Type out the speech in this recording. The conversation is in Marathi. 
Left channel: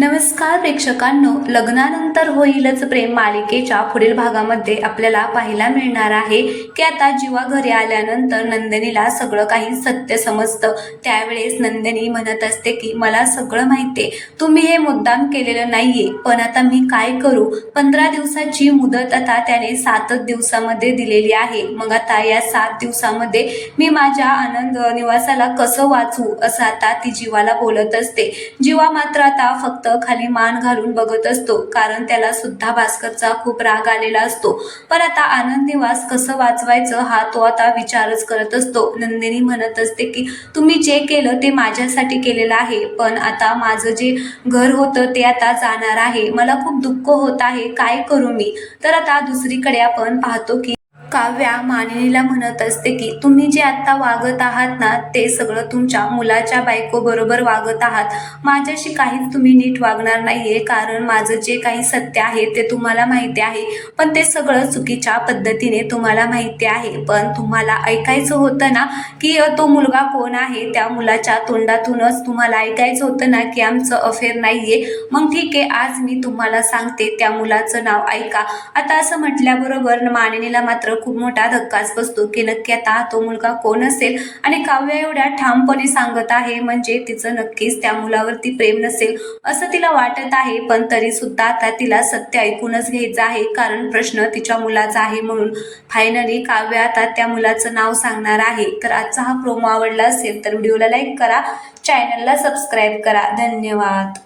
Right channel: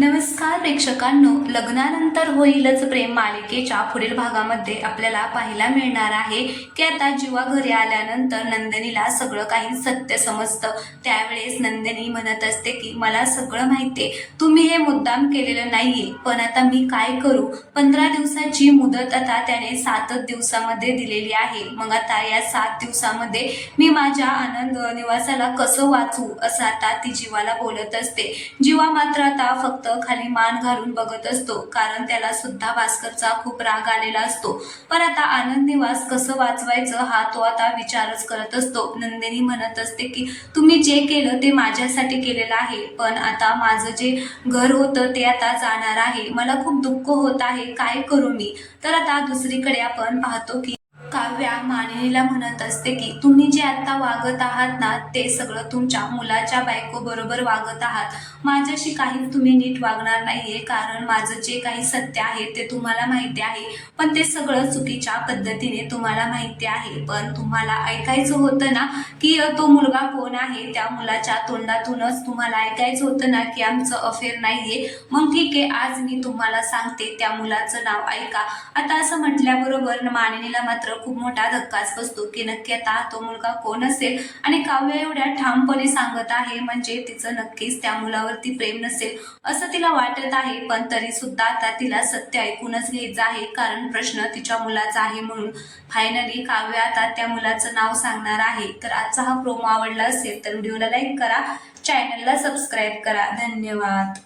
नमस्कार प्रेक्षकांनो लग्नानंतर होईलच प्रेम मालिकेच्या पुढील भागामध्ये आपल्याला पाहायला मिळणार आहे की आता जीवा घरी आल्यानंतर नंदिनीला सगळं काही सत्य समजतं. त्यावेळेस नंदिनी म्हणत असते की मला सगळं माहिती आहे तुम्ही हे मुद्दाम केलेलं नाहीये. पण आता मी काय करू? पंधरा दिवसाची मुदत आता त्याने सातच दिवसामध्ये दिलेली आहे. मग आता या सात दिवसामध्ये मी माझ्या आनंद निवासाला कसं वाचवू? असं आता ती जीवाला बोलत असते. जीवा मात्र आता फक्त खाली मान घालून बघत असतो. कारण त्याला सुद्धा भास्करचा खूप राग आलेला असतो. पण आता आनंद निवास कसं वाचवायचं हा तो आता विचारच करत असतो. नंदिनी म्हणत असते की तुम्ही जे केलं ते माझ्यासाठी केलेलं आहे. पण आता माझं जे घर होतं ते आता जाणार आहे. मला खूप दुःख होत आहे. काय करू मी? तर आता दुसरीकडे आपण पाहतो की काव्या मानिनीला म्हणत असते की तुम्ही जे आत्ता वागत आहात ना ते सगळं तुमच्या मुलाच्या बायको बरोबर वागत आहात. माझ्याशी काहीच तुम्ही नीट वागणार नाहीये कारण माझं जे काही सत्य आहे ते तुम्हाला माहिती आहे. पण ते सगळं चुकीच्या पद्धतीने तुम्हाला माहिती आहे. पण तुम्हाला ऐकायचं होतं ना की तो मुलगा कोण आहे त्या मुलाच्या तोंडातूनच तुम्हाला ऐकायचं होतं ना की आमचं अफेअर नाहीये. मग ठीक आहे आज मी तुम्हाला सांगते त्या मुलाचं नाव ऐका. आता असं म्हटल्याबरोबर मानिनीला मात्र खूप मोठा धक्काच बसतो की नक्की आता तो मुलगा कोण असेल? आणि काव्य एवढ्या ठामपणे सांगत आहे म्हणजे तिचं नक्कीच त्या मुलावरती प्रेम नसेल असं तिला वाटत आहे पण तरी सुद्धा आता तिला सत्य ऐकूनच घ्यायचं आहे कारण प्रश्न तिच्या मुलाचा आहे म्हणून. फायनली काव्य आता त्या मुलाचं नाव सांगणार आहे. तर आजचा हा प्रोमो आवडला असेल तर व्हिडिओला लाईक करा चॅनलला सबस्क्राईब करा. धन्यवाद.